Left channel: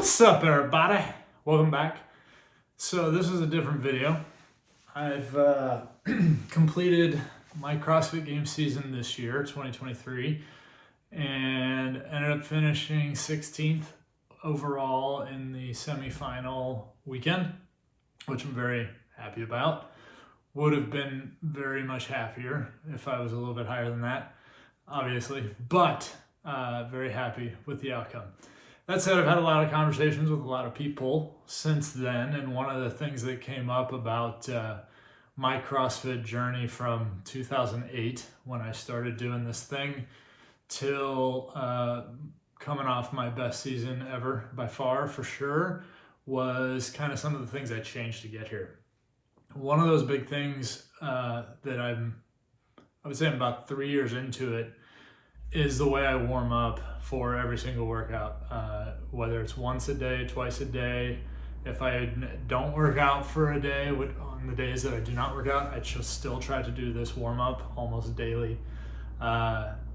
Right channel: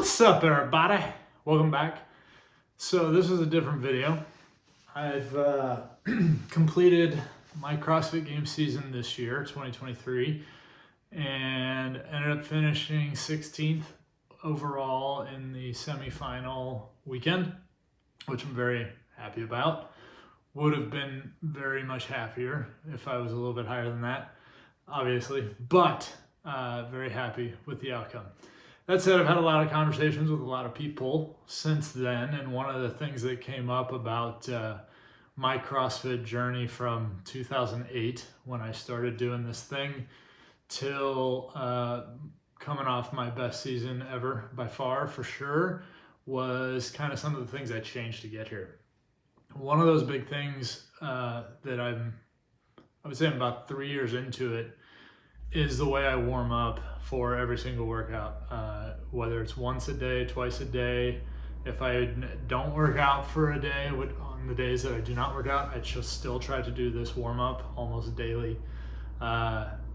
What's up, everybody? Welcome back. So this is a different video. I've completed my CrossFit game season this year, 2023, and ended up finishing 16th overall in the semifinal weekend, which I'm very happy about. Would have been very much happier if I was a little bit higher than that, obviously, but very happy with the outcome. That said, I've had a lot of conversations with a lot of people since then, and one of the things that came up about my CrossFit journey from 2008, when I started doing this thing, till coming off my best season ever, by far, for sure, was kind of some of the things I changed to get here. One of those big things that I would say I'm about 3 years into it, is the way I warm up for every single workout, whether it's once a day, twice a day. If I don't work out for a day, on the days that I do not work out, I just still try to do this warm up almost daily.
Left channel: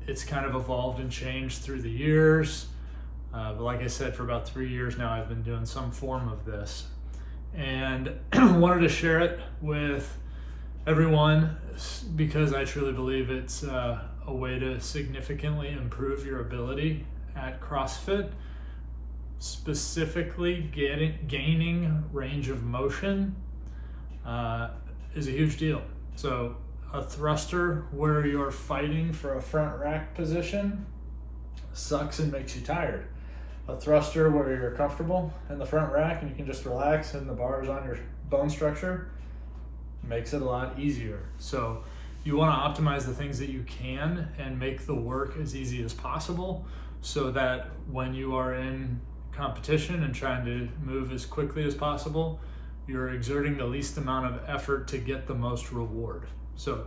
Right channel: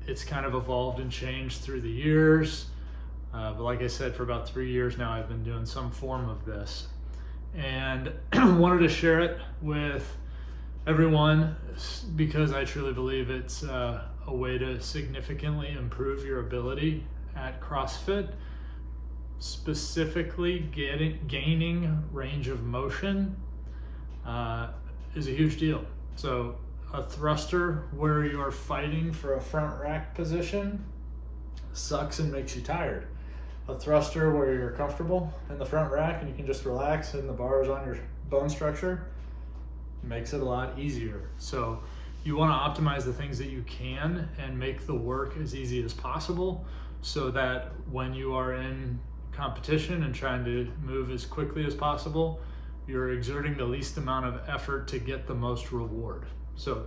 It's kind of evolved and changed through the years, but like I said, for about 3 years now, I've been doing some form of this, and wanted to share it with everyone because I truly believe it's a way to significantly improve your ability at CrossFit. Specifically, gaining range of motion is a huge deal. So a thruster where you're fighting for a front rack position sucks and makes you tired. A thruster where you're comfortable in the front rack and you can just relax and the bar is on your bone structure makes it a lot easier. So you want to optimize the things that you can and make the work as easy as possible so that when you are in competition and trying to move as quickly as possible, you're exerting the least amount of effort to get the most reward. So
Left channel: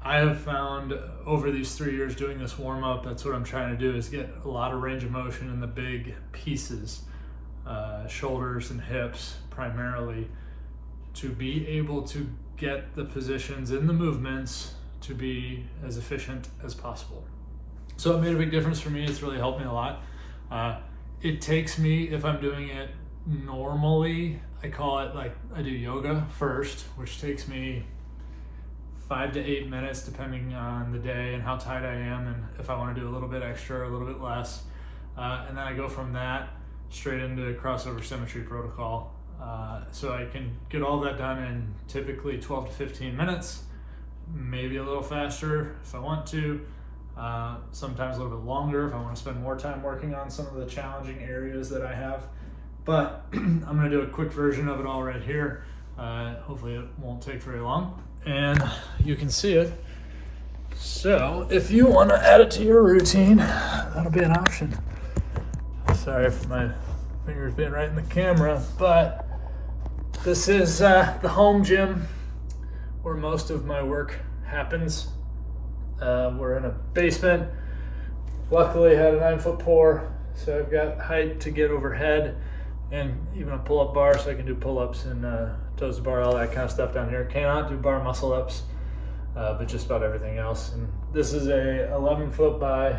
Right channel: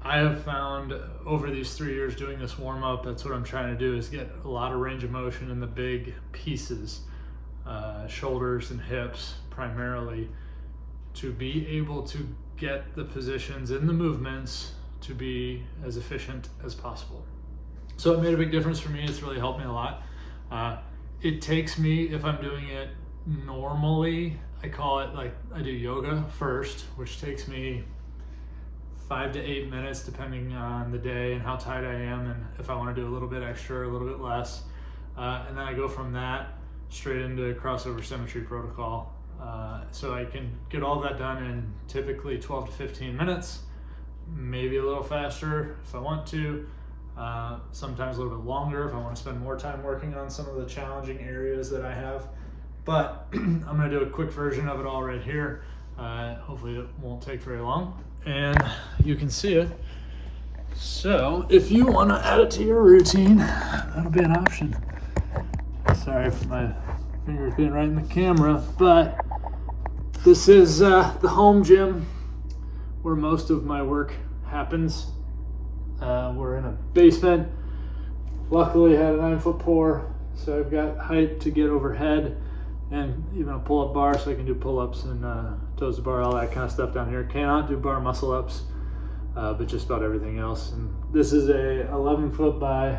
I have found over these 3 years doing this warm up, that's what I'm trying to do, is get a lot of range of motion in the big pieces, shoulders and hips primarily, to be able to get the positions in the movements to be as efficient as possible. So it made a big difference for me. It's really helped me a lot. It takes me, if I'm doing it normally, I call it like I do yoga first, which takes me 5 to 8 minutes depending on the day and how tight I am and if I want to do a little bit extra or a little bit less. And then I go from that straight into crossover Symmetry protocol. So I can get all that done in typically 12 to 15 minutes, maybe a little faster if I want to, sometimes a little bit longer if I want to spend more time working on some of the challenging areas that I have. But I'm going to do a quick version of it all right here. Hopefully it won't take very long and you can see it. So if you want to add it to your routine, that'll be an option. Sorry for my fingers being right in the camera, but this is the home gym where most of my work happens. We're in a basement. Luckily had a 9-foot pour, so I've got height to get overhead and even a pull-up bar so I can do pull-ups and toes to bar, all that kind of stuff down here. Cannot do bar muscle-ups, but just about everything else. And this is a 11-foot by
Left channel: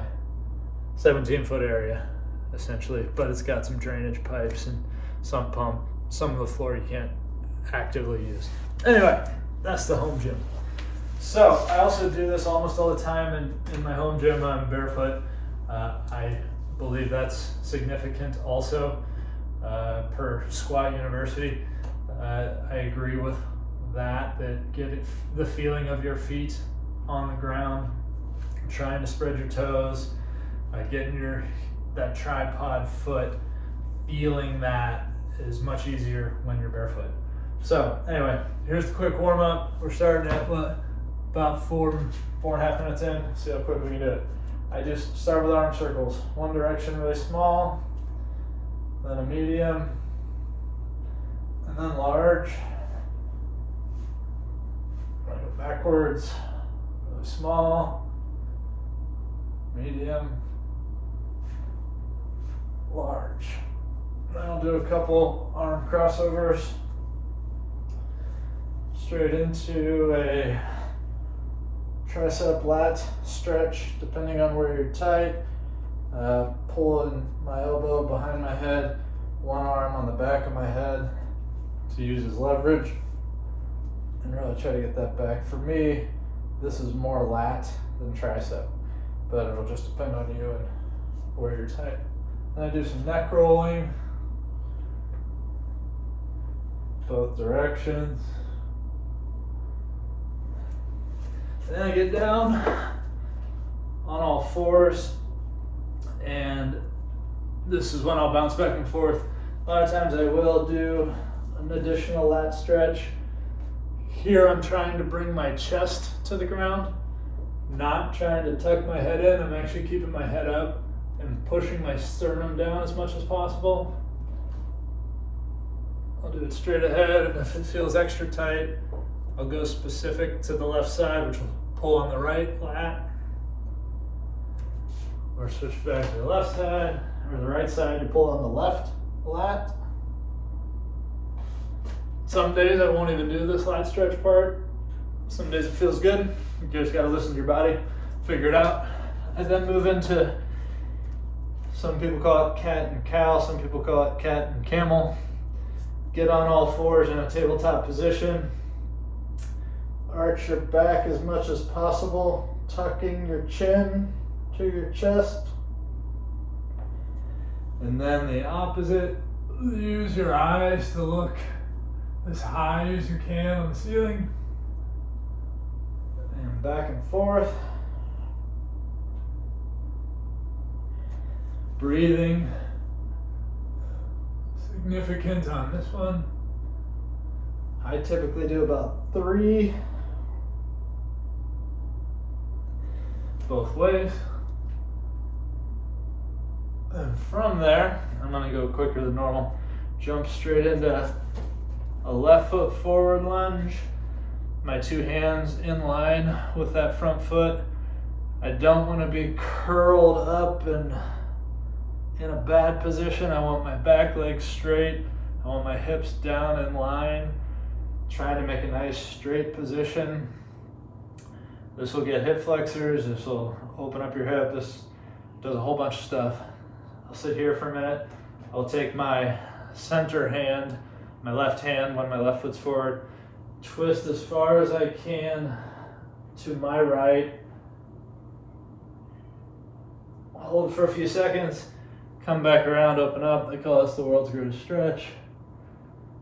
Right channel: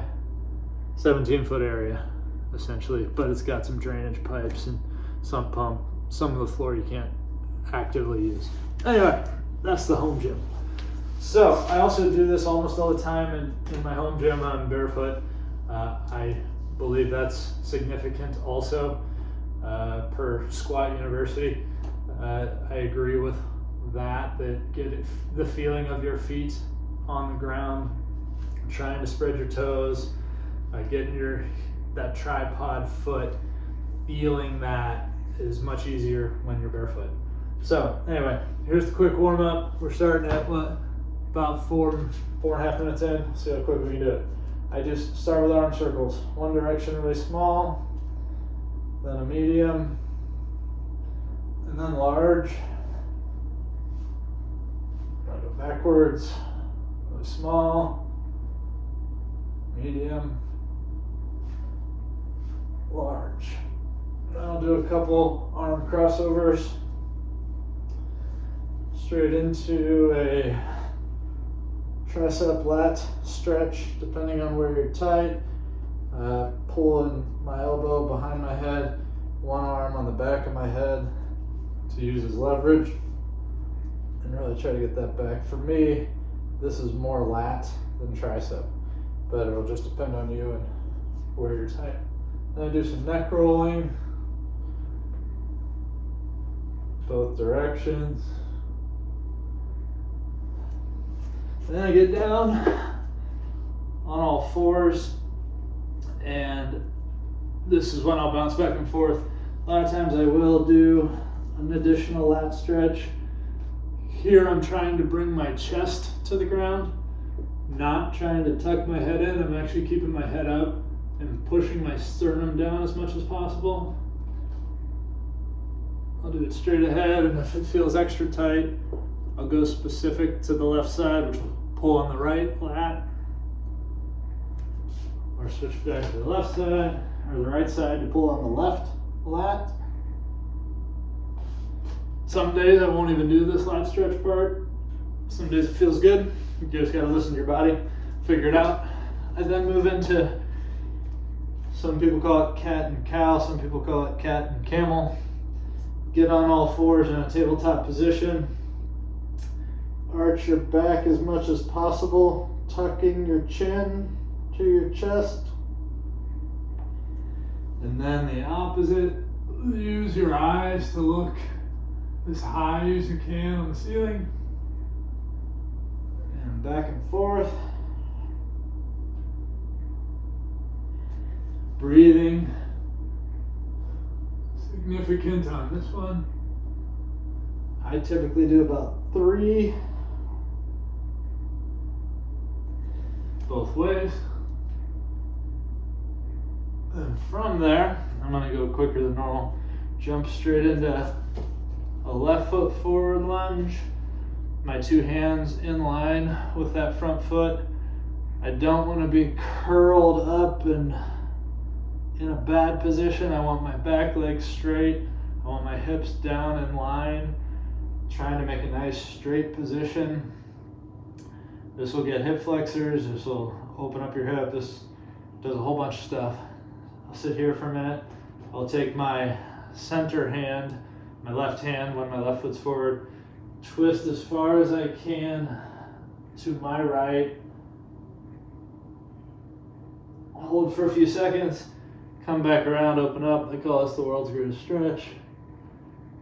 17-foot area, essentially, but it's got some drainage pipes and sump pump. Some of the floor you can't actively use. Anyway, that's the home gym. So I also do this almost all the time in my home gym. I'm barefoot. I believe that's significant also per Squat University. I agree with that get the feeling of your feet on the ground, trying to spread your toes, getting that tripod foot, feeling that is much easier when you're barefoot. So anyway, here's the quick warm up. We're starting at about 4.5 minutes in. See how quick we can do it. I just start with arm circles. One direction really small, then a medium, and then large. I go backwards, really small, medium, large. Then I'll do a couple arm crossovers straight into a tricep lat stretch, depending on where you're tight. Pulling my elbow behind my head one arm on the back of my head to use as leverage and really try to get that back. For me, this is more lat than tricep, but it'll just depend on you and where you're tight. Then I do some neck rolling, both directions. Then I get down on all fours, and this is when I'll bounce back and forth. A lot of times I will do an additional lat stretch. Here I'm trying to bring my chest to the ground, not trying to tuck my head in. I'm actually keeping my head up and pushing my sternum down as much as possible. I'll do it straight ahead, and if it feels extra tight, I'll go specific to the left side, which will pull on the right lat, or switch back to the left side, or the right side to pull on the left lat. Some days I won't even do this lat stretch part. Some days it feels good. You just gotta listen to your body, figure it out. I then move into, some people call it cat and cow, some people call it cat and camel. Get on all fours in a tabletop position. Arch your back as much as possible, tucking your chin to your chest. And then the opposite, use your eyes to look as high as you can on the ceiling. And back and forth. Breathing, significant on this one. I typically do about 3 both ways. And from there, I'm gonna go quicker than normal. Jump straight into a left foot forward lunge. My 2 hands in line with that front foot. I don't want to be curled up and in a bad position. I want my back leg straight. I want my hips down in line. Trying to make a nice straight position. This will get hip flexors. This will open up your hip. This does a whole bunch of stuff. I'll sit here for a minute. I'll take my center hand, my left hand when my left foot's forward, twist as far as I can to my right. Hold for a few seconds. Come back around, open up. They call this the world's greatest stretch.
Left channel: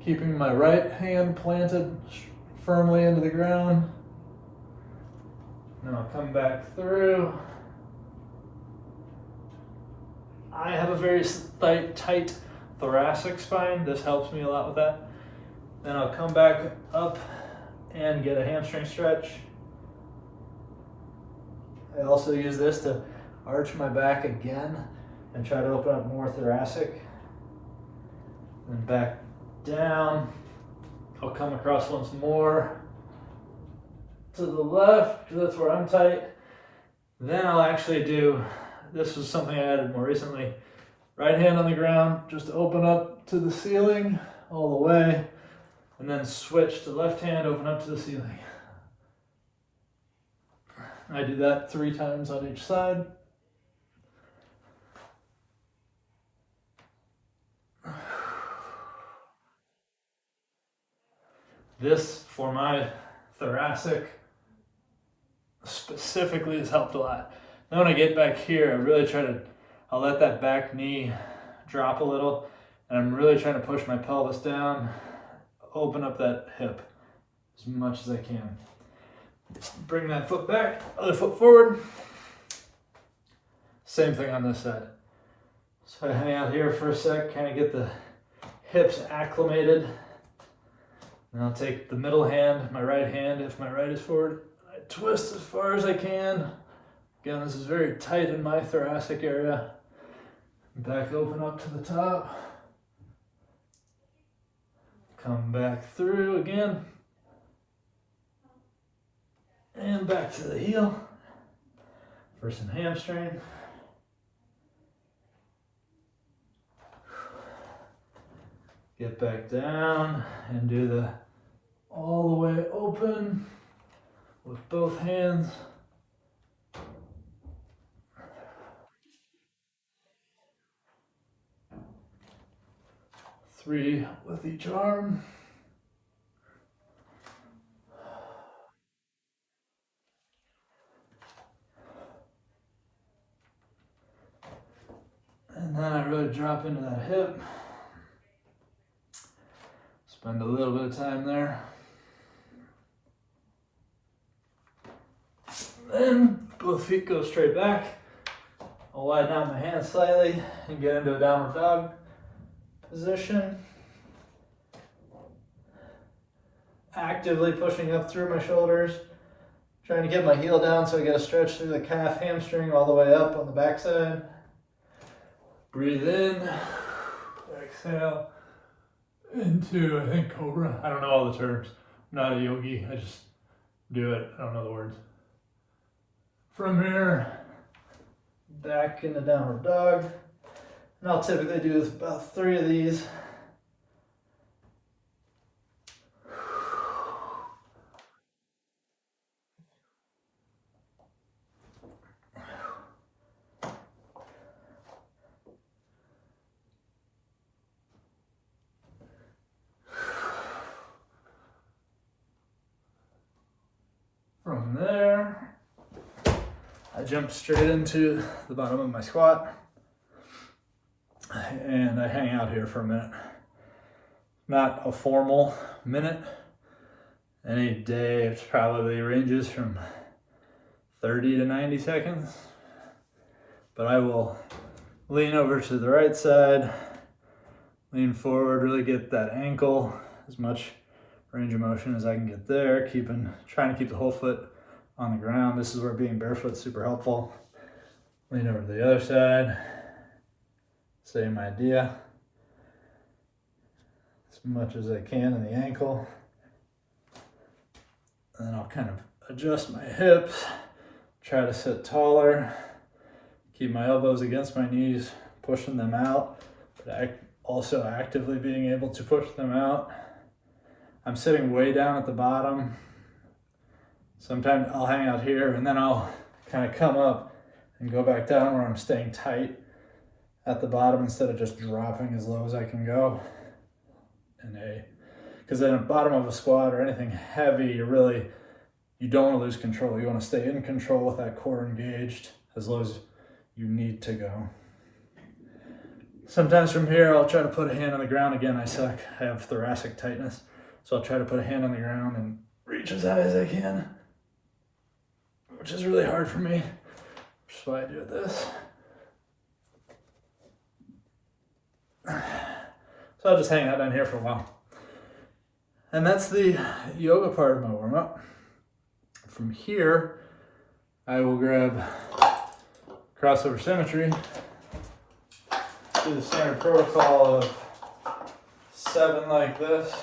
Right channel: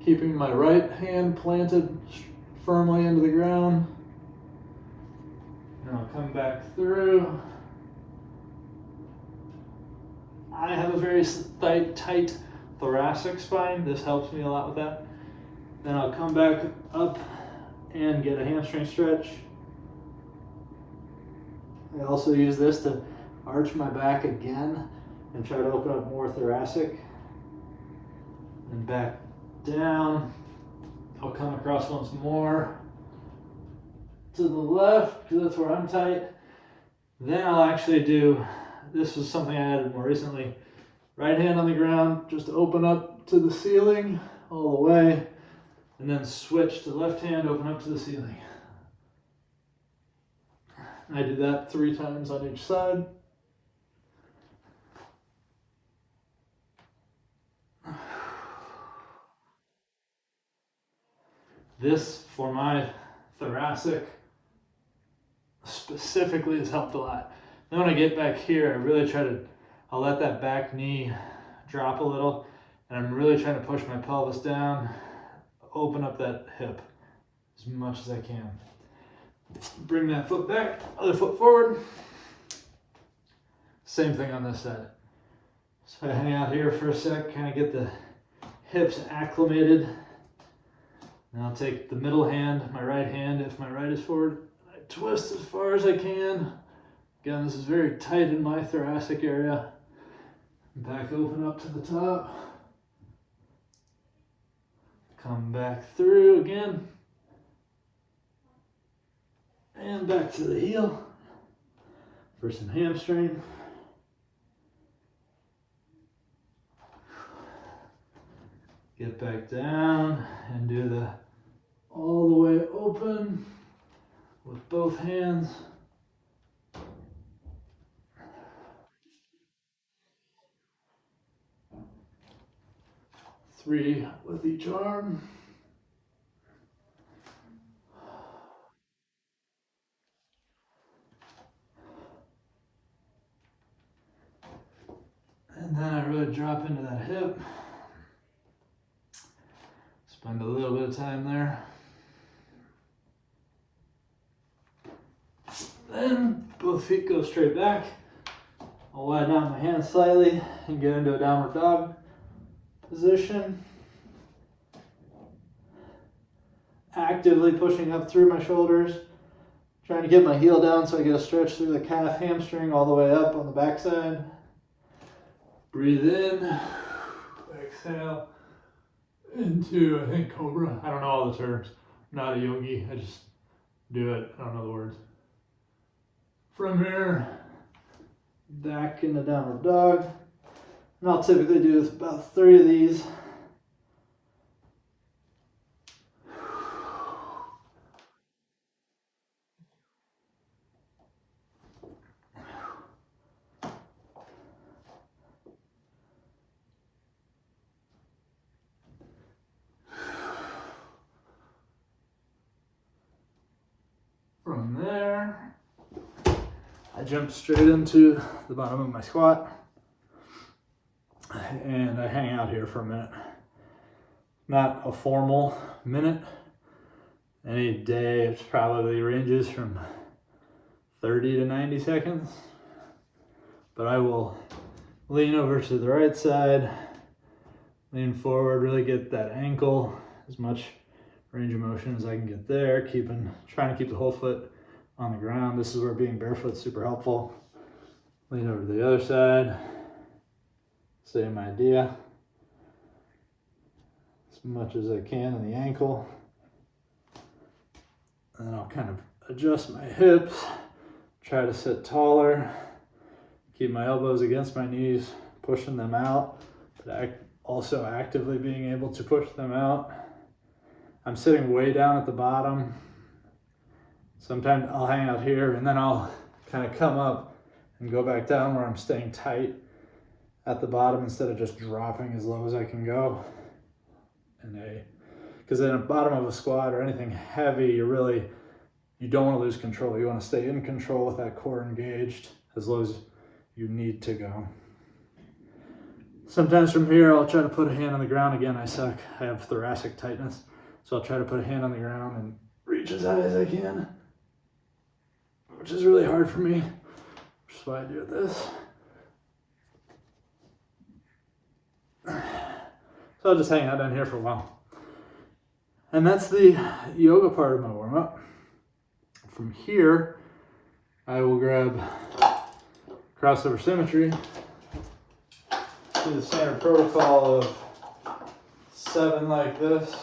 Keeping my right hand planted firmly into the ground. Now I'll come back through. I have a very tight thoracic spine. This helps me a lot with that. Then I'll come back up and get a hamstring stretch. I also use this to arch my back again and try to open up more thoracic. And back down. I'll come across once more to the left, because that's where I'm tight. Then I'll actually do, this was something I added more recently, right hand on the ground, just open up to the ceiling all the way, and then switch to left hand, open up to the ceiling. And I do that 3 times on each side. This, for my thoracic specifically, has helped a lot. Then when I get back here, I really try to, I'll let that back knee drop a little, and I'm really trying to push my pelvis down, open up that hip as much as I can. Bring that foot back, other foot forward. Same thing on this side. So I hang out here for a sec, kind of get the hips acclimated. And I'll take the middle hand, my right hand, if my right is forward. I twist as far as I can. Again, this is very tight in my thoracic area. Back open up to the top. Come back through again. And back to the heel for some hamstring. Get back down and do the all the way open with both hands. 3 with each arm. And then I really drop into that hip. Spend a little bit of time there. Then both feet go straight back. I'll widen out my hands slightly and get into a downward dog position. Actively pushing up through my shoulders. Trying to get my heel down so I get a stretch through the calf hamstring all the way up on the backside. Breathe in. Exhale. Into, I think, Cobra. I don't know all the terms. I'm not a yogi. I just do it. I don't know the words. From here, back into downward dog. And I'll typically do about 3 of these. From there, I jump straight into the bottom of my squat and I hang out here for a minute. Not a formal minute. Any day it probably ranges from 30 to 90 seconds. But I will lean over to the right side, lean forward, really get that ankle, as much range of motion as I can get there, trying to keep the whole foot on the ground. This is where being barefoot is super helpful. Lean over to the other side. Same idea. As much as I can in the ankle. And then I'll kind of adjust my hips, try to sit taller, keep my elbows against my knees, pushing them out, but also actively being able to push them out. I'm sitting way down at the bottom. Sometimes I'll hang out here and then I'll kind of come up and go back down where I'm staying tight at the bottom instead of just dropping as low as I can go. Because at the bottom of a squat or anything heavy, you don't want to lose control. You want to stay in control with that core engaged as low as you need to go. Sometimes from here, I'll try to put a hand on the ground. Again, I suck. I have thoracic tightness. So I'll try to put a hand on the ground and reach as high as I can, which is really hard for me, which is why I do this. So I'll just hang out down here for a while. And that's the yoga part of my warm-up. From here, I will grab crossover symmetry, do the standard protocol of 7 like this,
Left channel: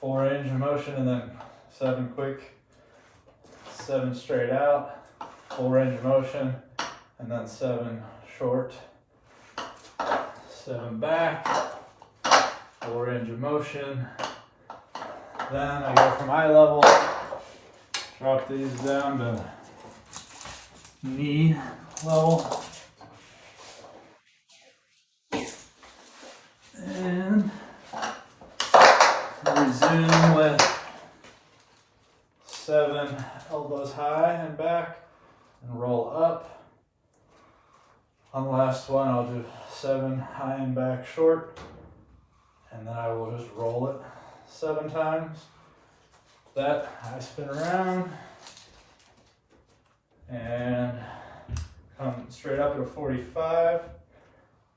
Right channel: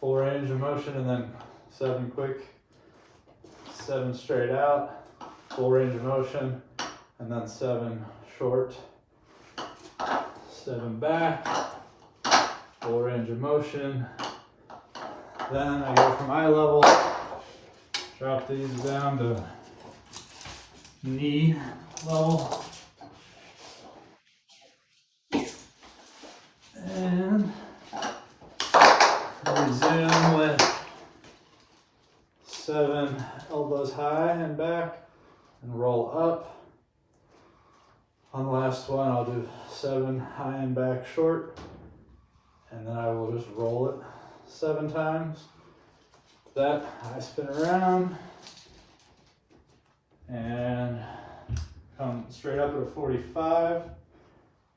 full range of motion, and then 7 quick, 7 straight out, full range of motion, and then 7 short, 7 back, full range of motion. Then I go from eye level, drop these down to knee level, and resume with 7 elbows high and back and roll up. On the last one, I'll do 7 high and back short, and then I will just roll it 7 times. That I spin around and come straight up at a 45,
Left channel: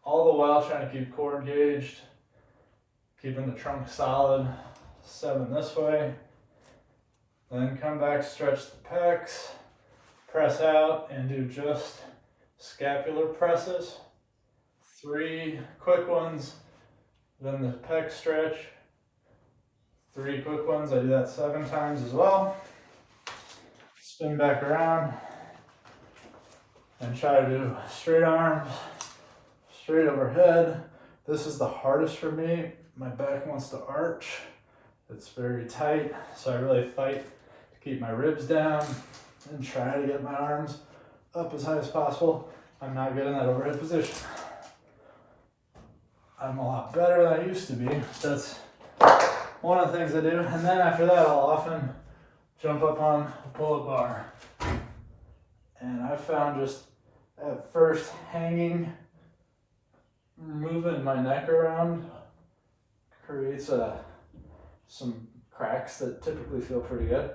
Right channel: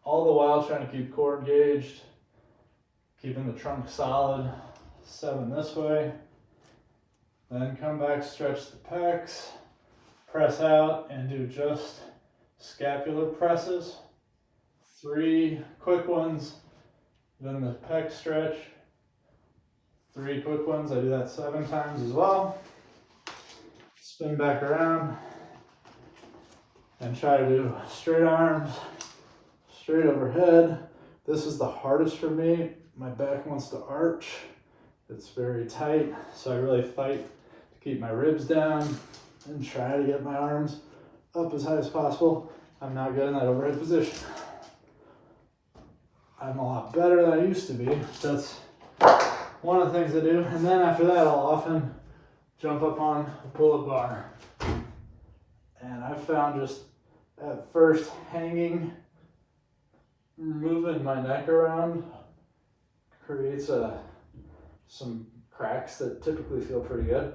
all the while trying to keep core engaged, keeping the trunk solid. 7 this way, then come back, stretch the pecs, press out and do just scapular presses. 3 quick ones, then the pec stretch, 3 quick ones. I do that 7 times as well. Spin back around and try to do straight arms, straight overhead. This is the hardest for me. My back wants to arch. It's very tight, so I really fight to keep my ribs down and try to get my arms up as high as possible. I'm not getting that overhead position. I'm a lot better than I used to be. So that's one of the things I do. And then after that, I'll often jump up on a pull-up bar. And I found just at first hanging, moving my neck around creates some cracks that typically feel pretty good.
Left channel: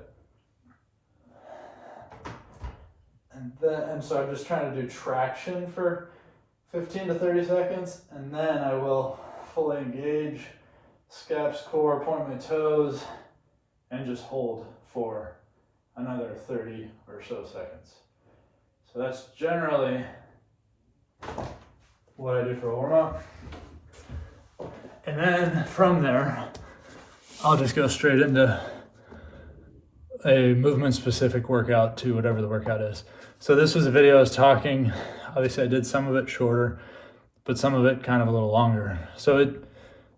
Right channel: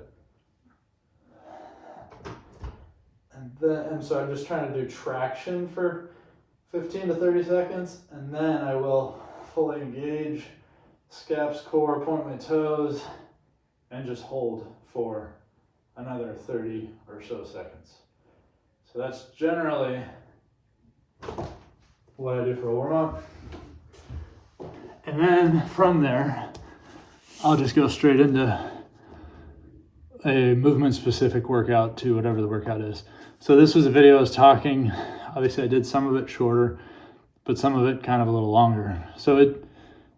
And so I'm just trying to do traction for 15 to 30 seconds, and then I will fully engage, scaps, core, point my toes, and just hold for another 30 or so seconds. So that's generally what I do for a warm-up. And then from there, I'll just go straight into a movement-specific workout to whatever the workout is. So this was a video I was talking, obviously I did some of it shorter, but some of it kind of a little longer. So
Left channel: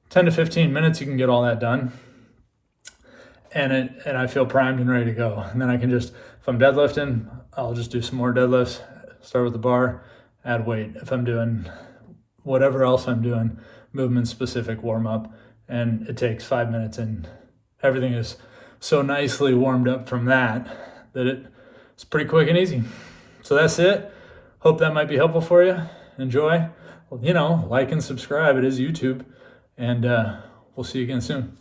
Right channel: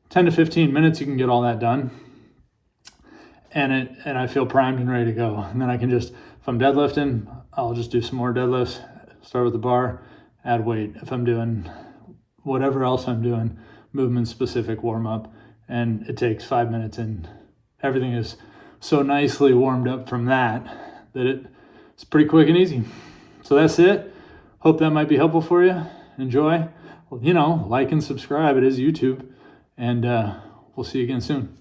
10 to 15 minutes, you can get all that done. And I feel primed and ready to go. And then I can just, if I'm deadlifting, I'll just do some more deadlifts, start with the bar, add weight. If I'm doing whatever else I'm doing, movement-specific warm-up, and it takes 5 minutes and everything is so nicely warmed up from that it's pretty quick and easy. So that's it. Hope that might be helpful for you. Enjoy. Well, like and subscribe. It is YouTube. And we'll see you again soon.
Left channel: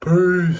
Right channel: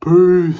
Peace.